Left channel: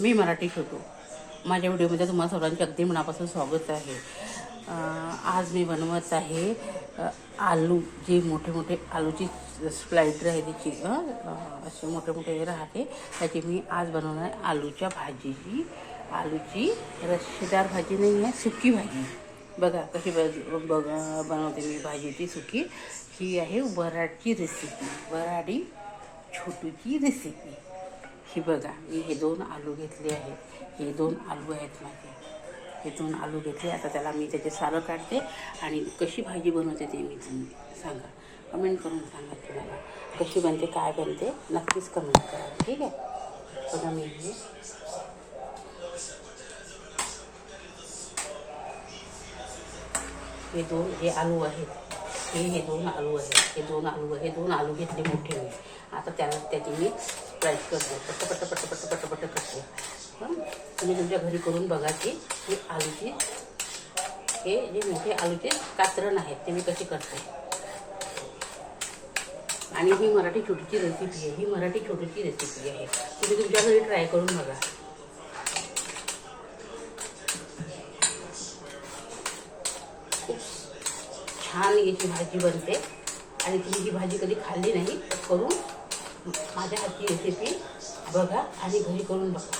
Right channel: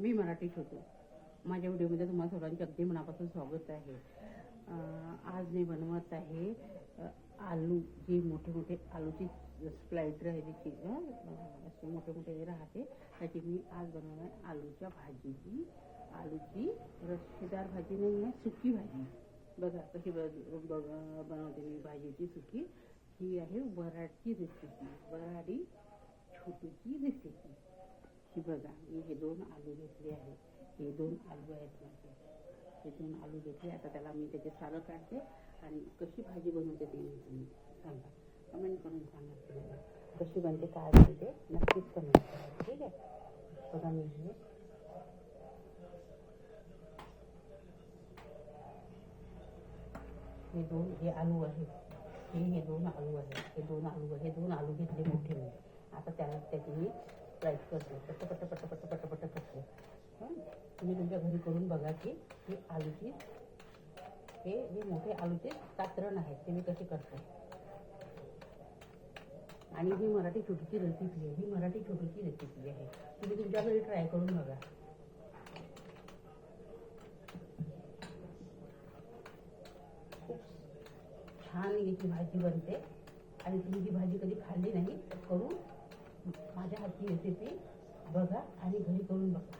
मी मराठी छोटू. माझ्या व्हिडिओमध्ये तुम्हाला सर्वांचे अगदी मनापासून स्वागत आहे. आज मी बनवत आहे आलू, जे मोठे मोठे आलूची स्लाइडर आहे त्याची, असे मोठे मोठे राहते त्याची मी आज बनवणार आहे आलूच्या भाजीची. आलूची रस्सेदार भाजी नाही आहे, सुकी भाजी. बघा कशी बनवते मी भाजी ती सुकी. ही आहे वराडची रेसिपी, वराडी छोटूची रेसिपी. ही बघा, मी हे 2 आलू घेतले आहेत. हे 2 आलू आहेत माझे. हे 2 आलू घेतले. आता त्याला मी त्याचे सालं काढते आणि कशी भाजी बनवते ते मी तुम्ही सांगा, कमेंट करून सांगा. तुम्हाला कशी बनते, काय बनते, नक्कीच कमेंट करा. ठीक आहे. बघा मी हे आलू आहेत. हे 2 आलू आहेत. हे 2 आलू घेतले मोठे मी. आता त्याची मी स्लाइस करते, पट्ट करते. तुम्ही तुमच्या घरी करून बघा की हे आलूची, हे जे मोठे आलूचे कातरण आहेत ते मी कशी करते. आणि ही मराठी छोटीची रेसिपी आहे. ही मराठी छोटीची रेसिपी आहे. तुम्ही तुमच्या घरी ट्राय करून बघा. छान याची भाजी बनते. आणि तुम्ही ही भाजी कधी खाल्ली नाही तर करून माझ्या हातची रेसिपी बघा आणि घरी करून बघा.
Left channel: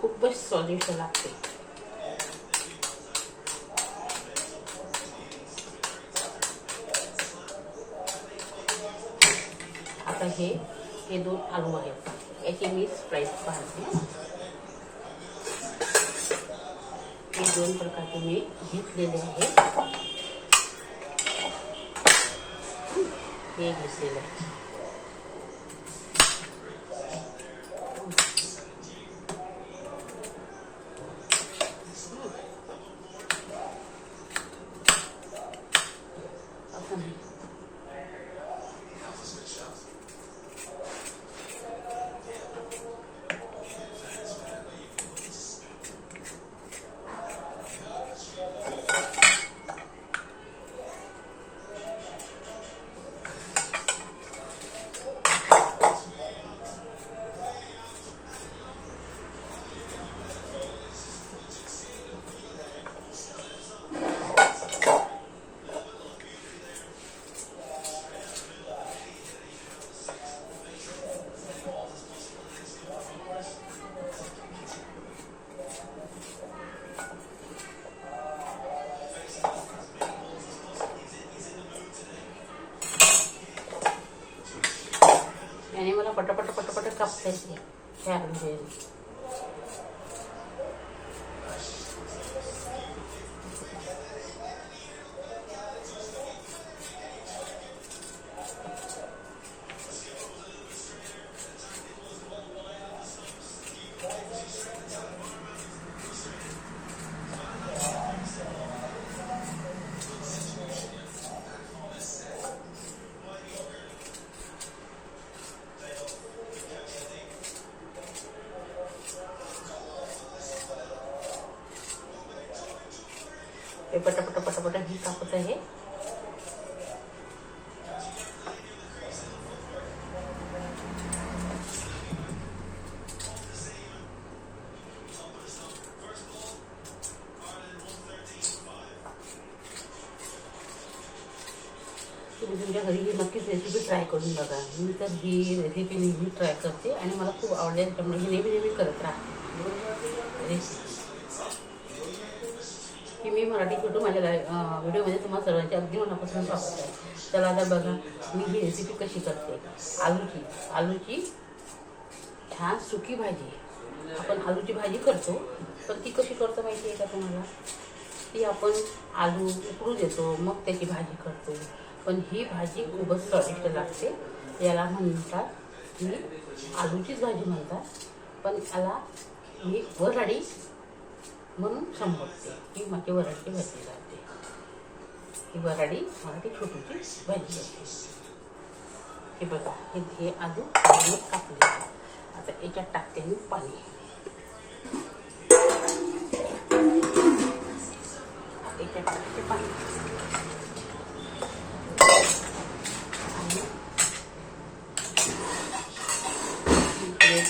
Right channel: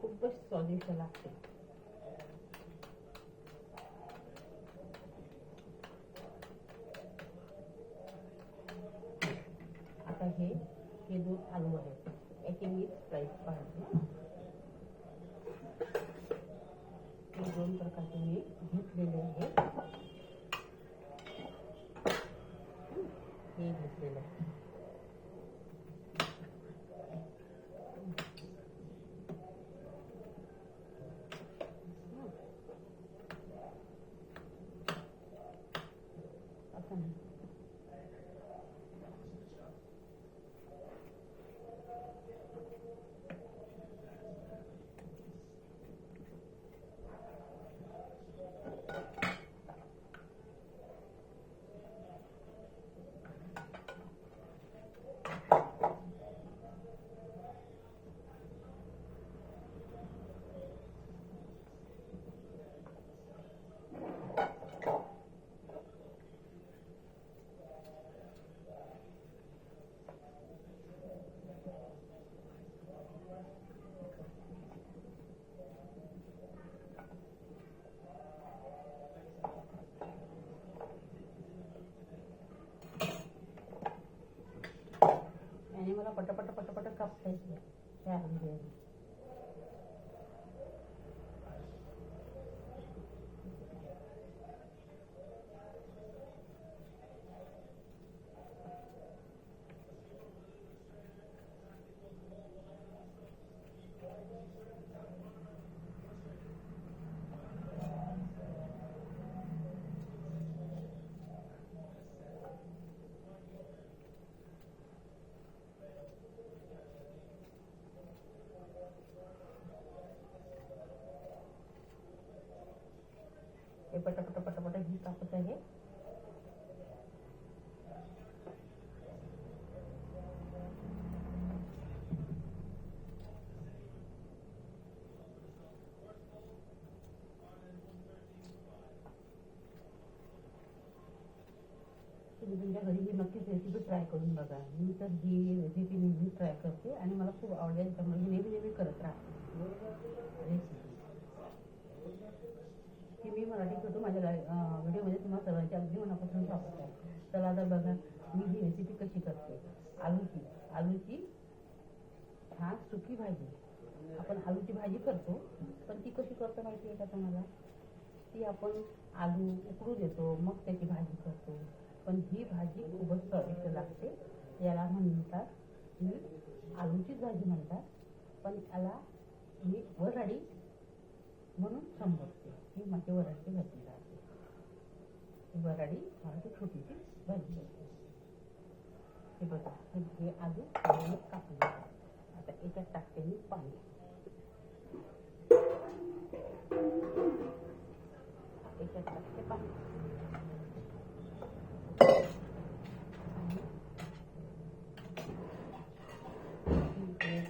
खूपच स्वादिष्ट लागते. आता हे 2 आलू आहेत, याची मी स्लाइस पाहते. हे 2 प्रकारचे मी घेतलेले आहेत. हे घेतलेलं आहे. याने मला पटापट कापता येते. ह्या आलू हे पटापट ही कापत आहे. तुम्ही तुमच्या घरी ही नक्कीच रेसिपी ट्राय करून बघा. मी तर ही रेसिपी नेहमी ट्राय करते आणि मला खूप आवडते. त्यामुळे ही नेहमी करत राहते रेसिपी. की मी मराठी छोटू माझ्या व्हिडिओमध्ये तुम्हाला सर्वांचे अगदी मनापासून स्वागत आहे. चला आता बघा मी ही रेसिपी कशी करते. आलूची छान सुकी भाजी. आपण आलूची भाजी करतो, पण ती कशी करतो माहिती आहे का तुम्हाला? ती आपण आलू उकडू देतो, मग त्याची भाजी करतो. पण ही भाजी खूपच स्वादिष्ट लागते. याला म्हणतात ही आलूचीच भाजी म्हणतात, पण याला मी वराडी म्हणून संबोधते. ही माझी वराडची भाजी राहते. ही वराडी मराठी छोटूची भाजी असते. हे बघा, हे आलू कापले. आता याच्यात टाकते मी पाणी. याच्यात टाकते पाणी.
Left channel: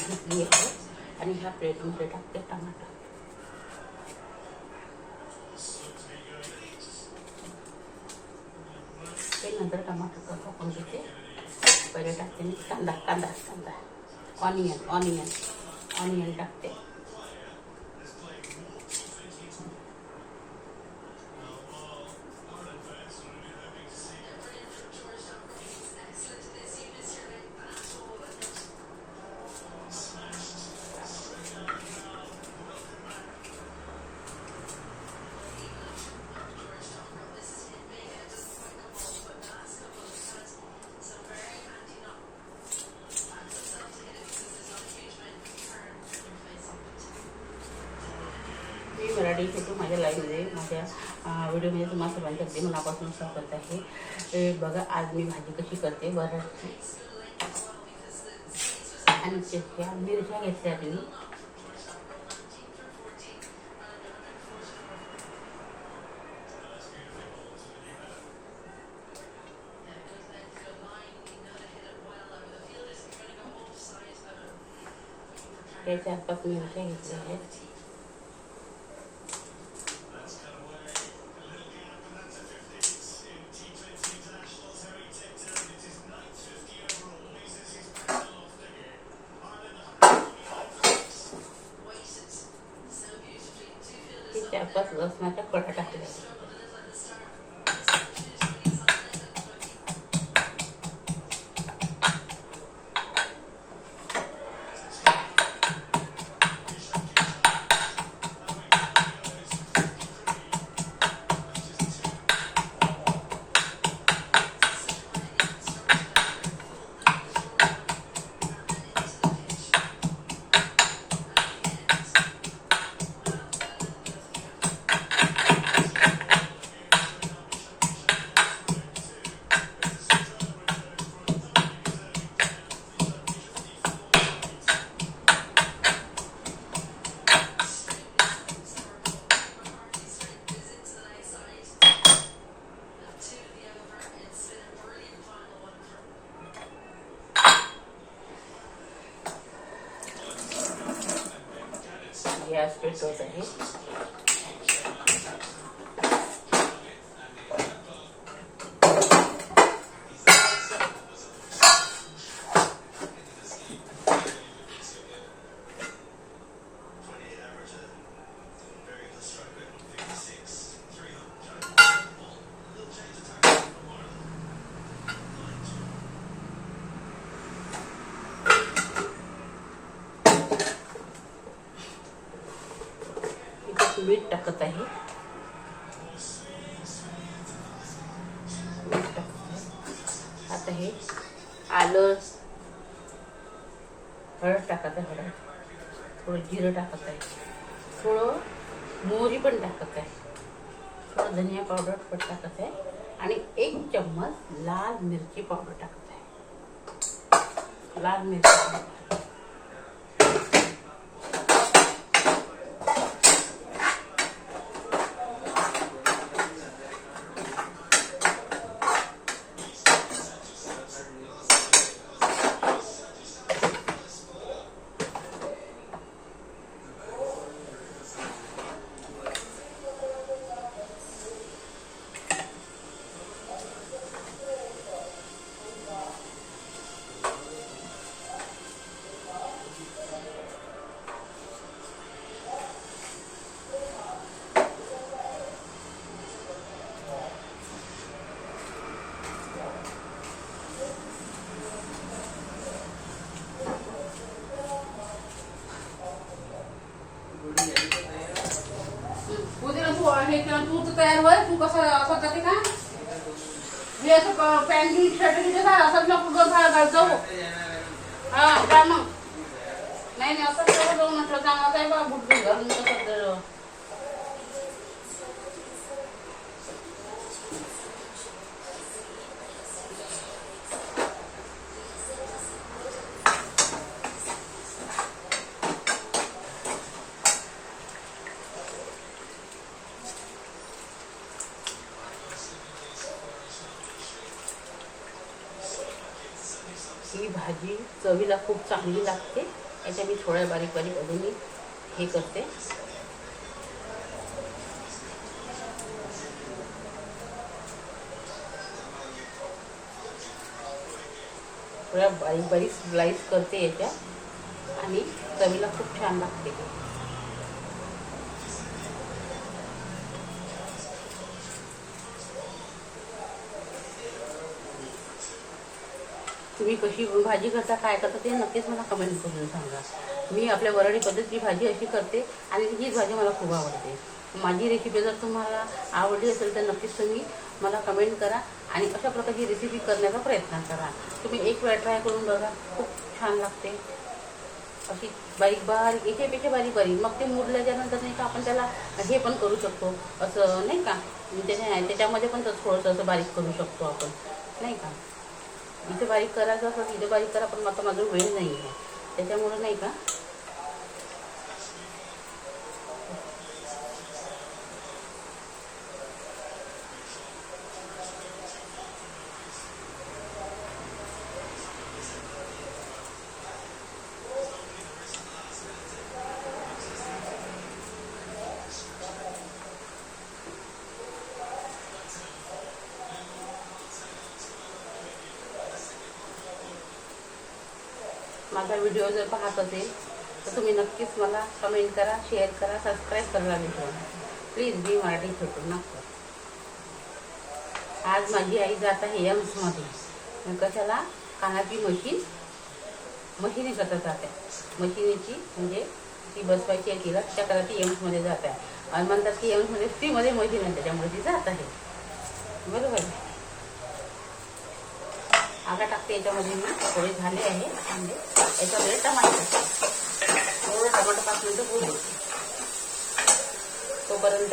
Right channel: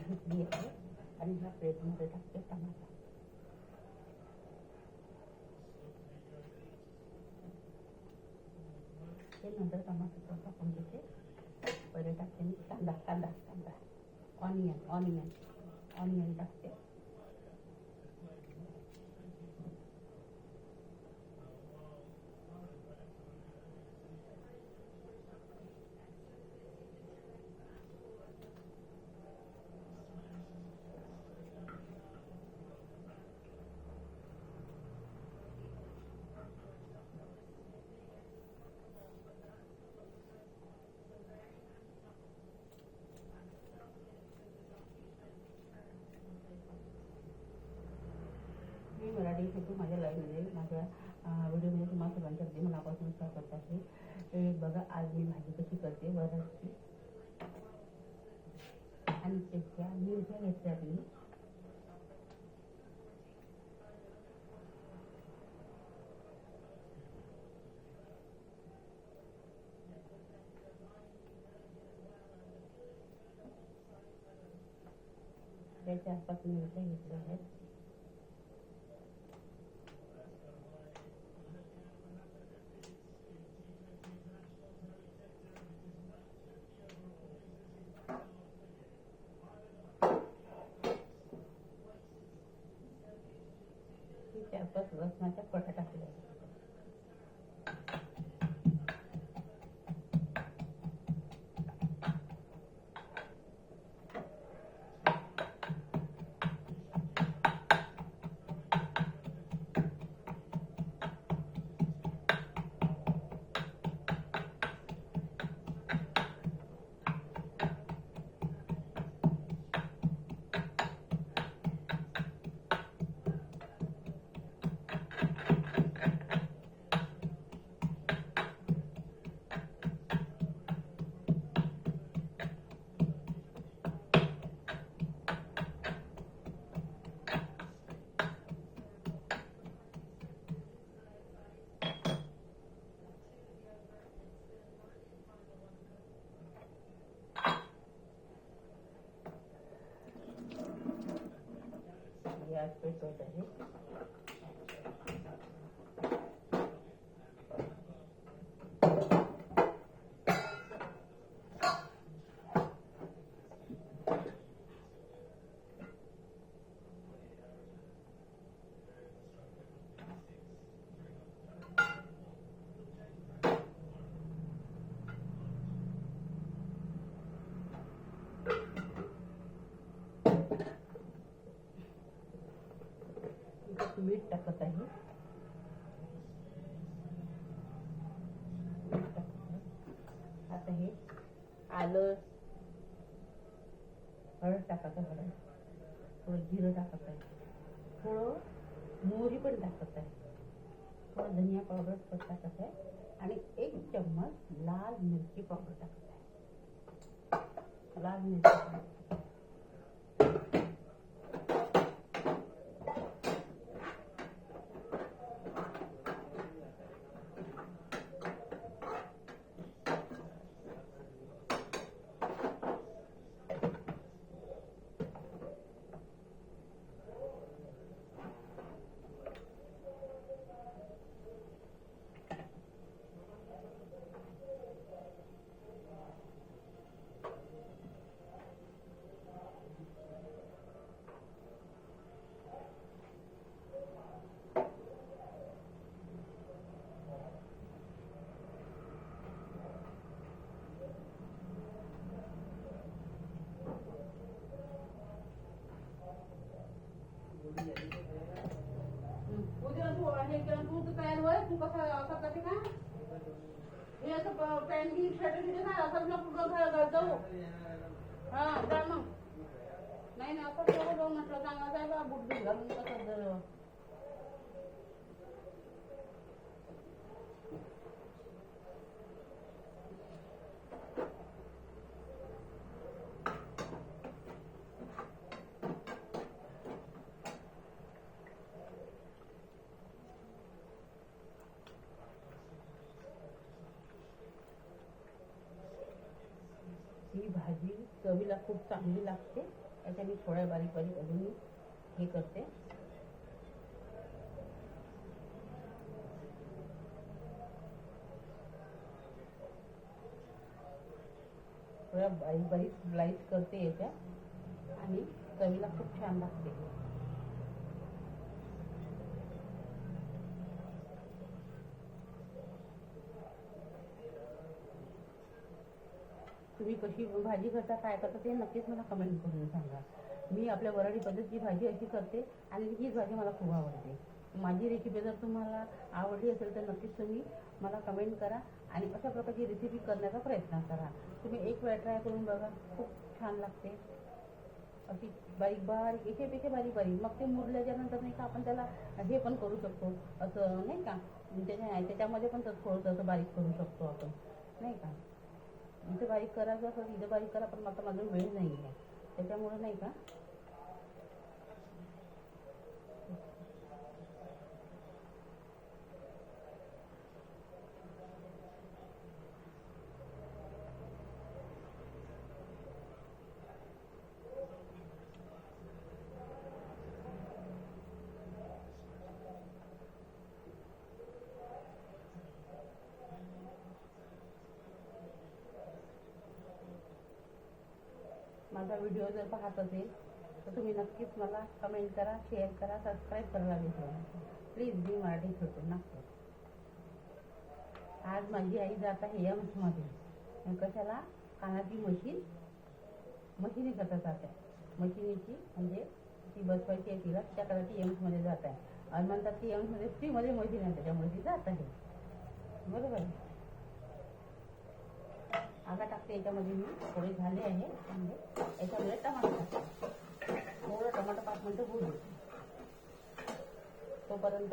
घेतली आहे आणि ह्या प्लेटमध्ये टाकते टमाटर. ते नंतर टमाटर कापून घेते. पहिले टाकते मी कांदा कांदा कांदा ऑनियन ऑनियन ऑनियन टाकते. मराठी छोटू माझ्या लाईव्हमध्ये माझ्या व्हिडिओमध्ये तुम्हाला सर्वांच्या अगदी मनापासून स्वागत आहे. बघा आज मी भाजी कशी करते. बटाट्याची आणि त्या मिरच्या घेतल्या मी. त्याच्या आसपास मिरच्या घेतल्या आहेत. त्यापास लसणाच्या कळ्या टाकल्या. गॅस पेटवत आहे. मीठ टाकत आहे. आता हे आलं हळद टाकत आहे. हळद थोडं जिरं टाकत आहे. थोडं मोहरी पण टाकत आहे. थोडं धनिया पावडर पण टाकत आहे आणि 1 चम्मच लाल मिरची पावडर टाकत आहे. लाल मिरची तू तर तयार होय. तू कसं असं करते का हे असं पॅन्ट शर्ट घ्यायचं का असं नको जाऊ. हा का मग नाही असं केलं जाऊ म्हटलं चांगलं आहे बा बुट घालून कसं. ही भाजी चवीला खूप चांगली लागते. याच्या मी थोड्या बारीक बारीक अजून मी हे करते. थोड्या बारीक बारीक स्लाइस करते याच्या आणि चवीला खूप छान लागते. तुम्ही कशी भाजी करता, काय करता ते नक्कीच मला कमेंट करून सांगा. मी आपल्या वराडी पद्धतीची भाजी अशी करते आणि हीच भाजी मला खूप आवडते. माझी रेसिपी जर तुम्हाला आवडली असेल तर नक्कीच तुम्ही मला कमेंट करा आणि अशा प्रकारची रेसिपी करण्याचा प्रयत्न करा. तुम्ही एक वेळा ट्राय करून बघा, खूप छान लागते. अशी बारीक बारीक एकेपेक्षा बारीक बारीक. मग ते मुरल्याच्यानंतर नाही का आपण त्याला हे पण करू शकतो असं नाही का, त्याच्यामध्ये पण थोडंसं असं बारीक करू शकतो आपण नाही का. इथे बारीक करायचं असं इथे बारीक करा, पण आता माझा वेळ नाही आहे त्याच्यामुळं नाही का. माझा व्हिडिओ जर पाहत असेल तर तुम्ही नक्कीच मला कमेंट करा, शेअर करा, सबस्क्राईब करायला विसरू नका प्लीज. बी मराठी छोटू नका. आज माझी आई जात आहे एम्समध्ये. कशाला? कानाची मशीन करता जाते. मशीनीची म्हणजे ती बसवायची आहे तिला, त्याकरता ती एम्समध्ये जात आहे आणि म्हणतात की एम्समध्ये फ्रीमध्ये मशीन आहे त्याच्यामुळे ती जात आहे. बरोबर. आगा टाकते याच्यामध्ये. मी थोडे झाले आहे कांदे. याच्यामध्ये टमाटर टाकते. थोडं टमाटर 5 मिनिटं होऊ देते तोपर्यंत.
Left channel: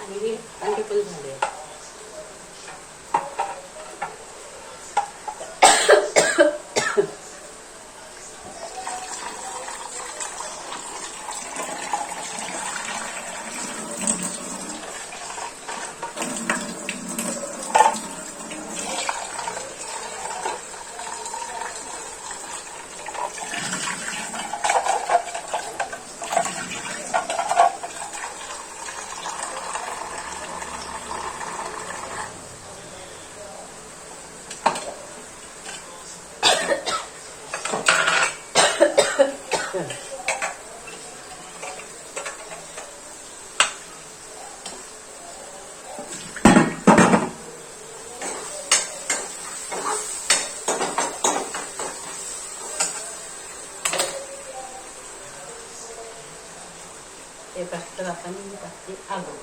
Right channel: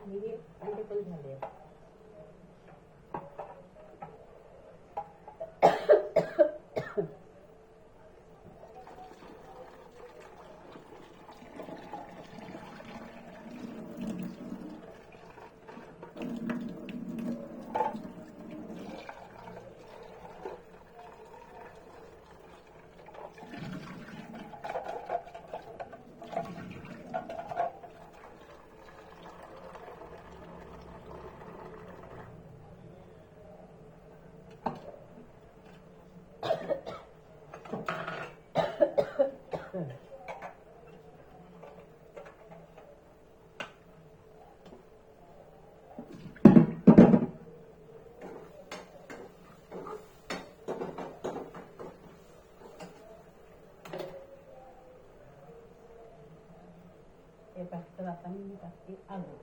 आणि हे अंडी पण झाले. ते टाकतं आता मी टाकते आलू.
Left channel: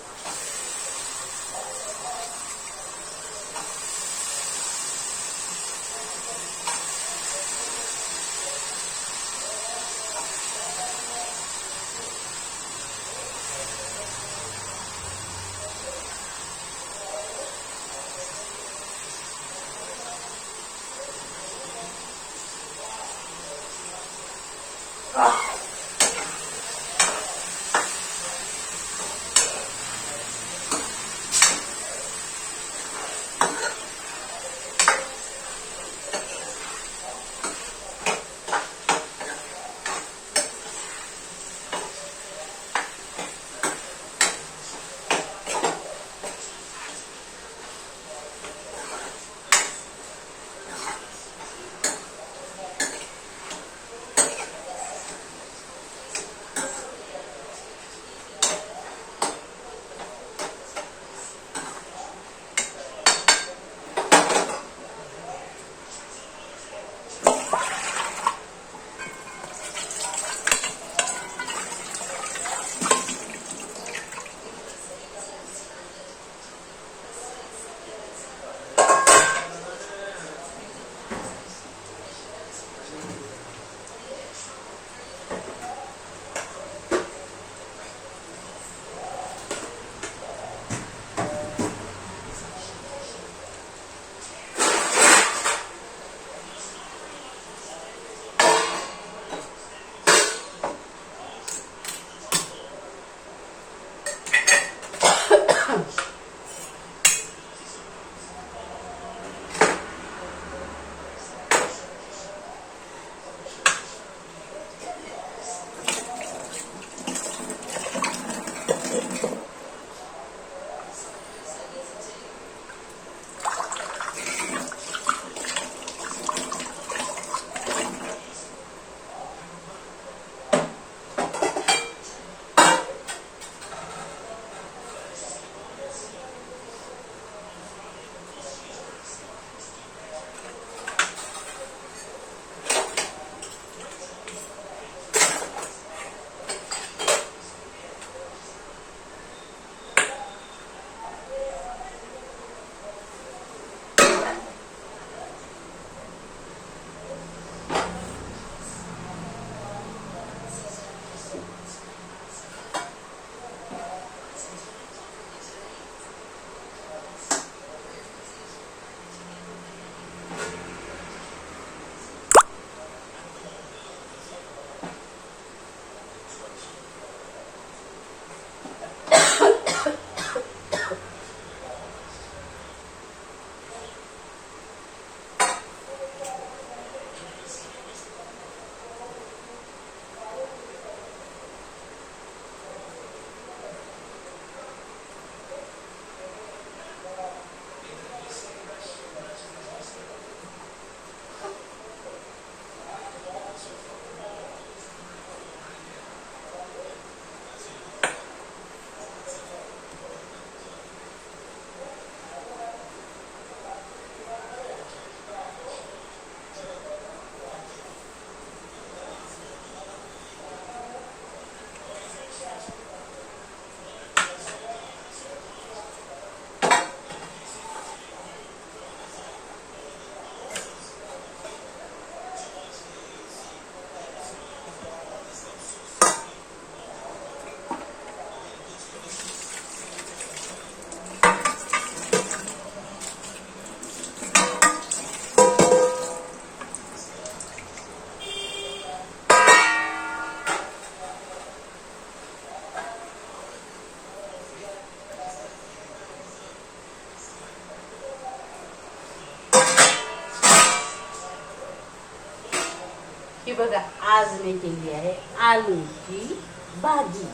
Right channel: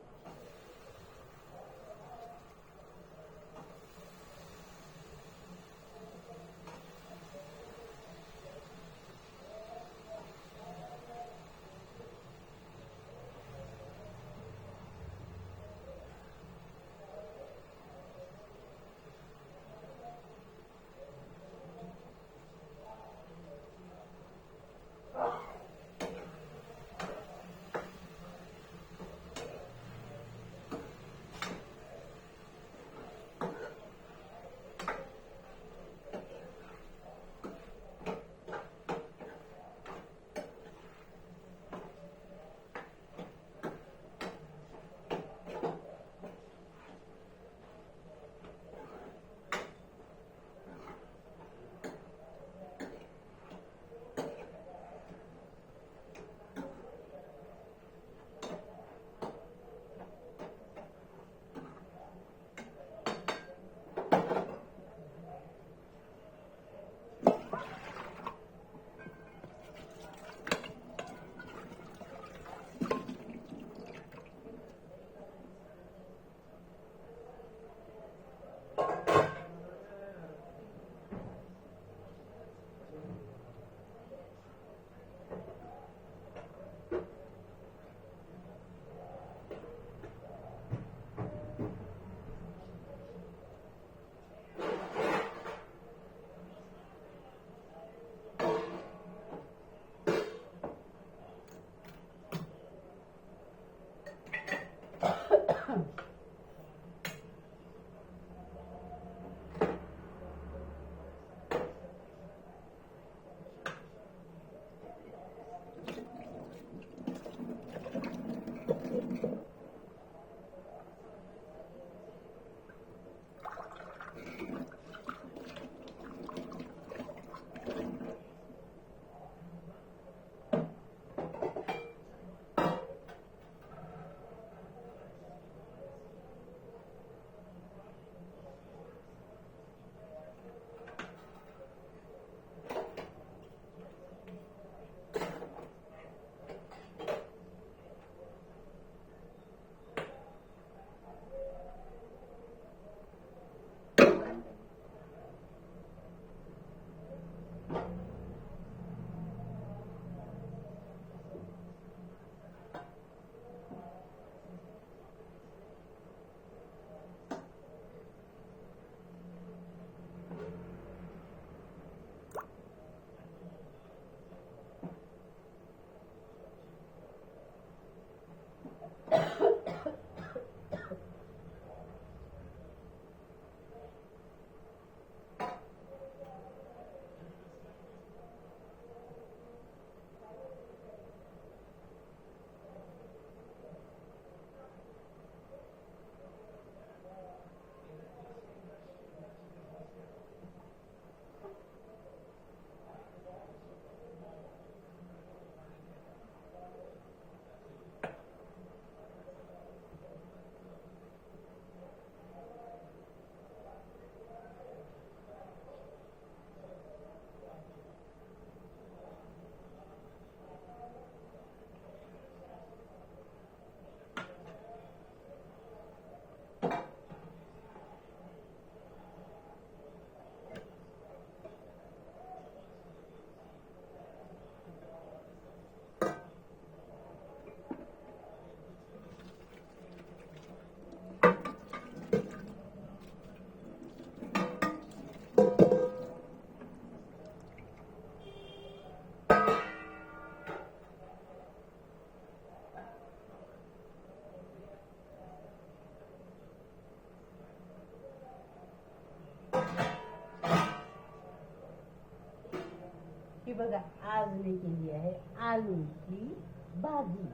बघा, आज मी केली आहे आलूची भाजी.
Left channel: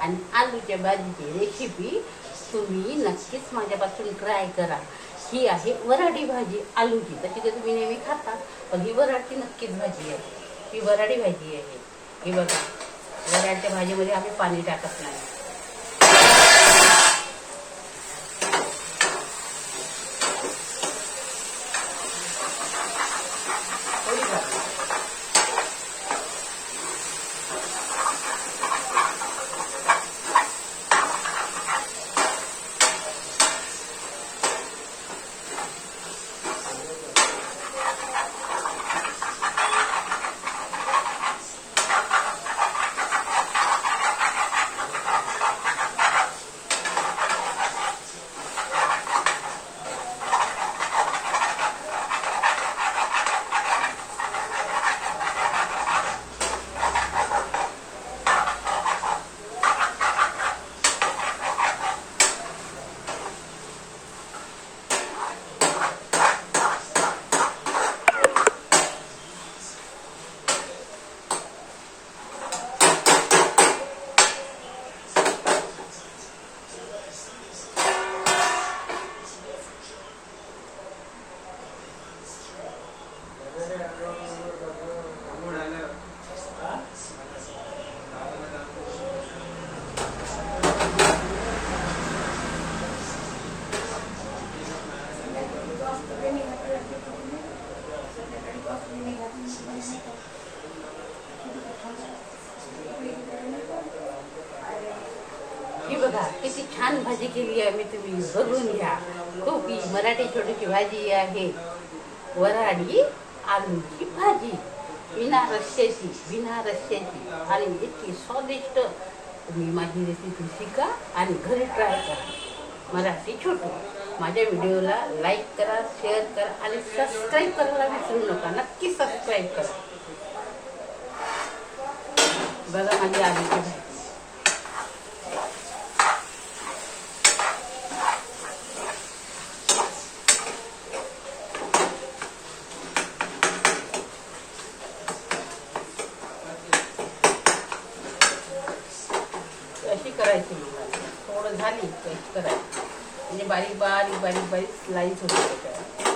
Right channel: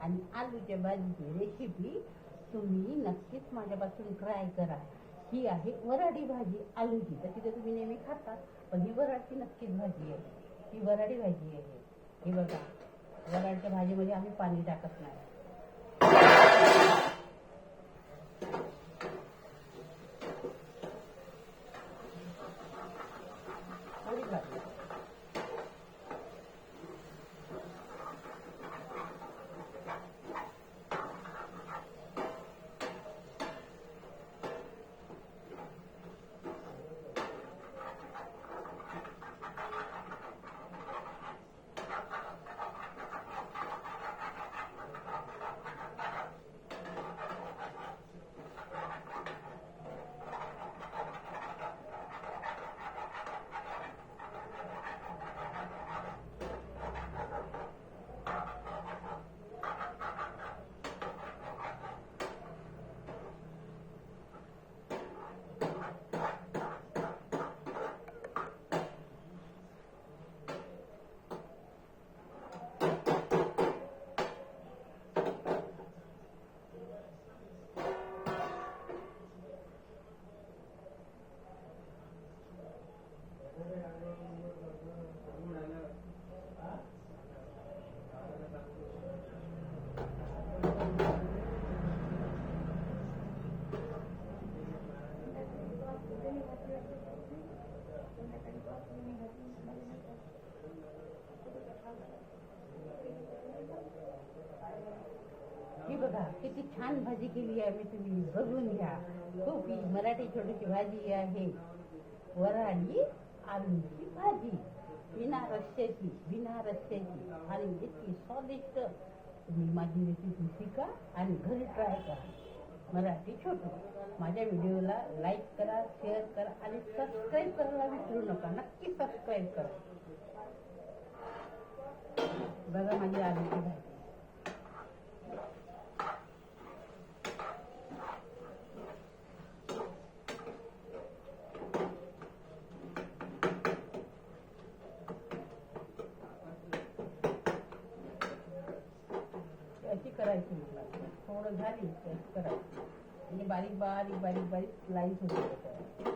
आणि आलूच्या भाजीची रेसिपी तुम्ही नक्कीच माझ्यापासून ट्राय करा. ही आहे वराडी भाजी आलूची. तशी तर तुम्ही नेहमी खाता, पण ही वराडची नक्कीच भाजी आहे. ही वराडी भाजी आहे. ही बघा, वराडच्या भाजीमध्ये आम्ही पाणी टाकत नाही. ही बघा किती छान भाजी केली आहे मी, तुम्ही बघून घ्या. खूप ही मराठी छोटीशी भाजी आहे, वराडी आलूची भाजी. बिना रश्श्याची आणि इतकी स्वादिष्ट. तुम्ही माझी रेसिपी शिका आणि घरी ट्राय करा. मराठी छोटू. माझ्या व्हिडिओला लाईक करा, शेअर करा आणि सबस्क्राईब करायला विसरू नका. नक्की सबस्क्राईब करा. बघा माझी आलूची भाजी. अशी करायची मला थोडं झाली अशी करायची, म्हणजे बारीक बारीक बारीक बारीक स्लाइस होते त्याच्यावर.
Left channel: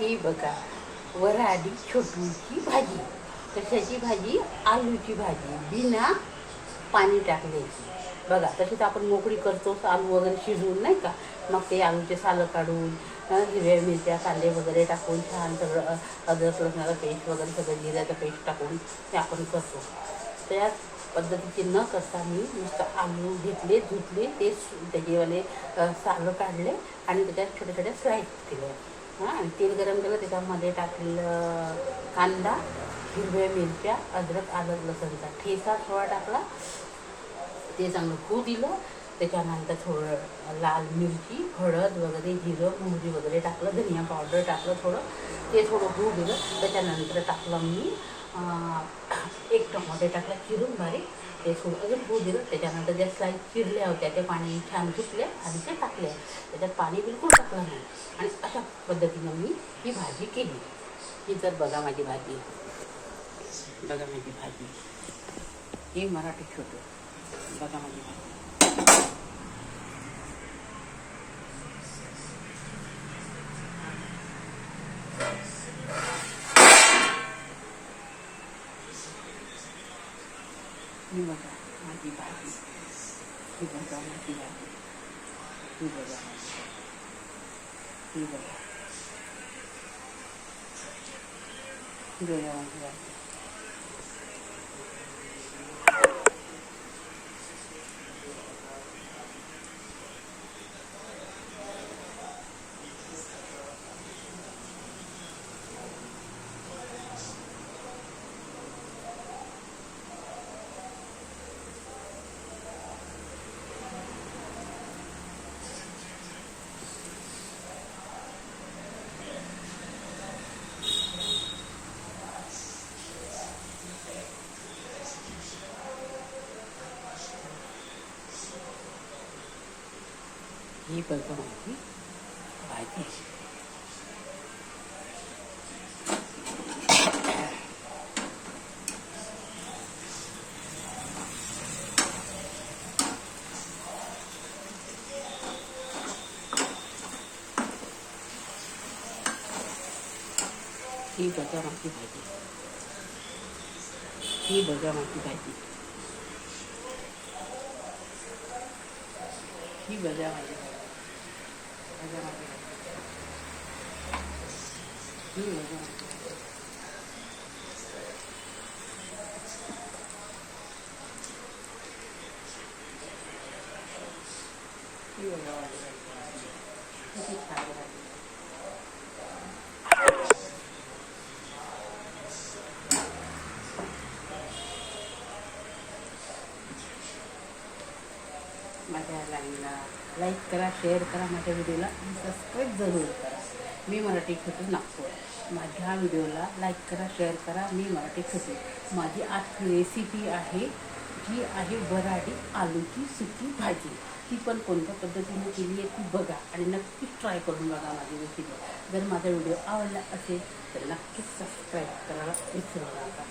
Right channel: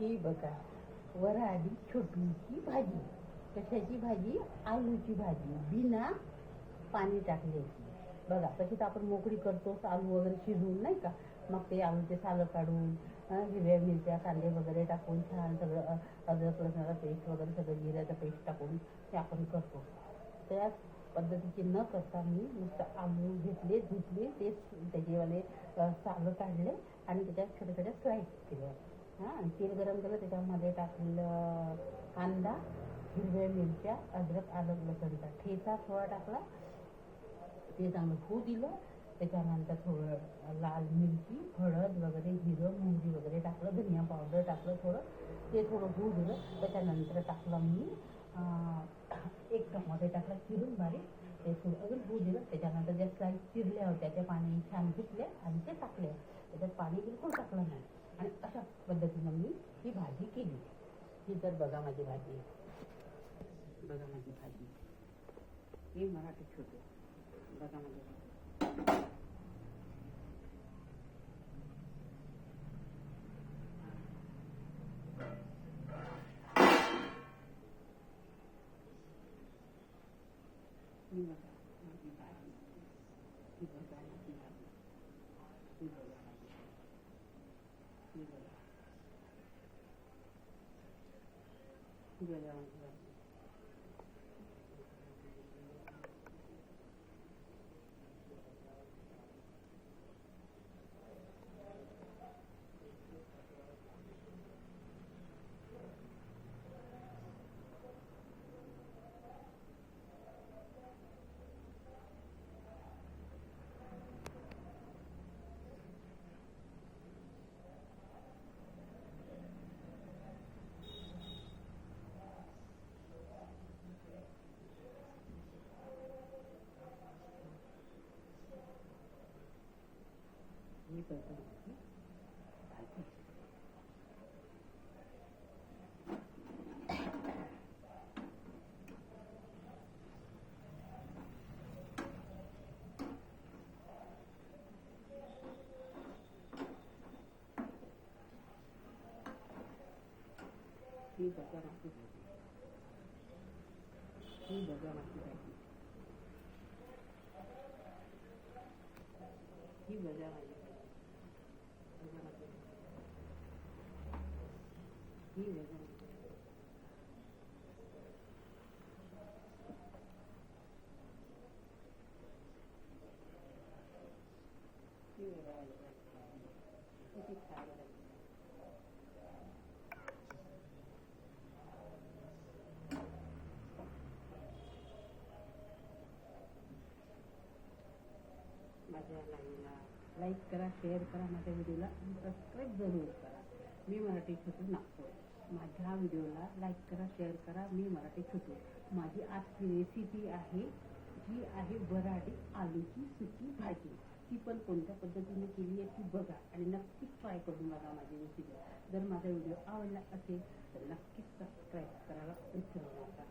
ही बघा वराडी छोटूची भाजी. कशाची भाजी? आलूची भाजी, बिना पाणी टाकल्याची. बघा तशी तर आपण मोकळी करतो आलू वगैरे शिजवून, नाही का. मग ते आलूचे सालं काढून हिरव्या मिरच्या कांदे वगैरे टाकून छान सगळं अद्रक लसणाचं पेस्ट वगैरे सगळं जिऱ्याचं पेस्ट टाकून ते आपण करतो. त्याच पद्धतीचे न करता मी नुसतं आलू घेतले, धुतले, ते त्याचेवाले सालं काढले आणि त्याच्यात छोट्या छोट्या स्लाइस केल्या. हां, आणि तेल गरम केलं, त्याच्यामध्ये टाकलं कांदा, हिरव्या मिरच्या, अद्रक आलं लसणचा ठेचा थोडा टाकला. ते चांगलं होऊ दिलं. त्याच्यानंतर थोडं लाल मिरची, हळद वगैरे, जिरं मोहरी वगैरे टाकलं, धनिया पावडर टाकलं थोडं. ते थोडं होऊ दिलं. त्याच्यानंतर टाकलं मी एक टमाटे टाकला चिरून बारीक. ते थोडं अजून होऊ दिलं. त्याच्यानंतर ज्या स्लाइस चिरल्या होत्या त्या पाणी छान सुटल्या आणि ते टाकल्या. त्याच्यात पाणी बिलकुल टाकलं नाही. आणि अशा पद्धतीनं मी ही भाजी केली. ही तर बघा माझी भाजी. बघा माझी भाजी. ही मराठी छोटू. बघा माझी भाजी. ही बघा माझी भाजी. ही बघा माझी भाजी. ही बघा. ही बघा. ही बघा माझी भाजी. ही बघा माझी भाजी. ही बघा माझी भाजी. ही बघा माझी भाजी. ही बघा माझी भाजी. बघा माझी भाजी. ही बघा माझी भाजी. ही बघा माझी भाजी. किती छान भाजी. माझ्या लाईनला लाईक करा, शेअर करा, माझ्या व्हिडिओला सबस्क्राईब जरूर करा. मी मराठी खचू नागपूर. माझ्या व्हिडिओला लाईक करा, शेअर करा. मी मराठी खचू. माझी आज रेसिपी आहे जी आहे वऱ्हाडी आलूची सुकी भाजी. ती पण कोणत्या पद्धतीने केली आहे ती बघा आणि नक्कीच ट्राय करून बघा माझी रेसिपी. जर माझा व्हिडिओ आवडला असेल तर नक्कीच सबस्क्राईब करायला विसरू नका.